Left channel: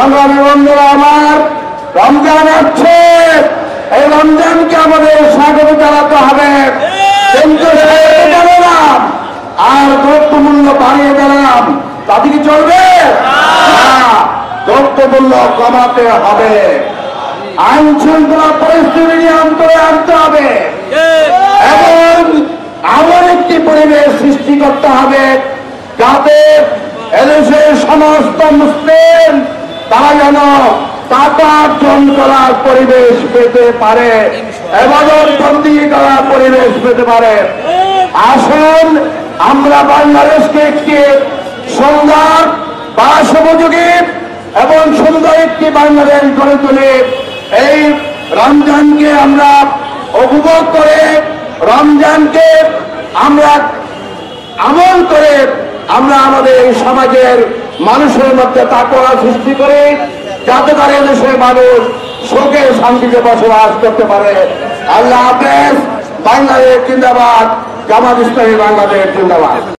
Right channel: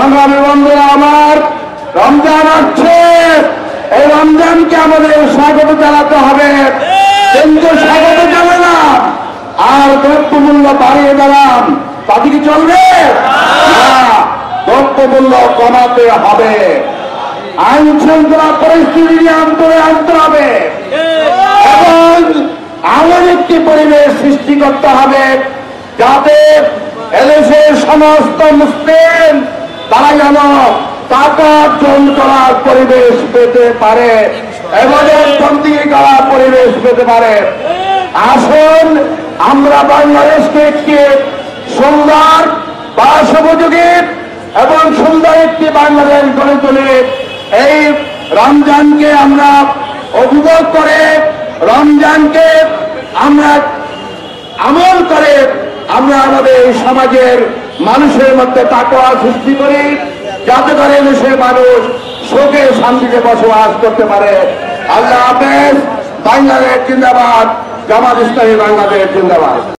সংগ্রামী বন্ধুরা আমার, রমজান আসছে। এই রমজানকে আমাদের স্বাগত জানাতে হবে, কিন্তু স্বাগত জানালাম আর দ্রব্যমূল্য বাড়িয়ে দিলাম, তাতে কি চলবে না? দ্রব্যমূল্য কমাতে হবে, আইন শৃঙ্খলা পরিস্থিতি নিয়ন্ত্রণে আনতে হবে এবং এমন একটি পরিবেশ সৃষ্টি করতে হবে যাতে এদেশের সমস্ত মুসলিম তারা যেন টাকা অর্জন করার পরিবেশ পেতে পারে, এবাদতবন্দি করার পরিবেশ পেতে পারে। আসুন আমরা বাংলাদেশকে একটি সুন্দর বাসোপযোগী এবং সুন্দর একটি বাংলাদেশ গড়ে তুলে এই রমজানকে আমরা উপভোগ করে, রমজানকে আমরা আমল করে আমরা আমাদের এই সমাজের মানুষের মধ্যে তাকওয়া সৃষ্টি করি, যাতে করে দেশের মানুষ সুখে শান্তিতে বসবাস করতে পারে। আল্লাহ হাফেজ। বাংলাদেশ জিন্দাবাদ। জামাত ইসলামী বাংলাদেশ জিন্দাবাদ।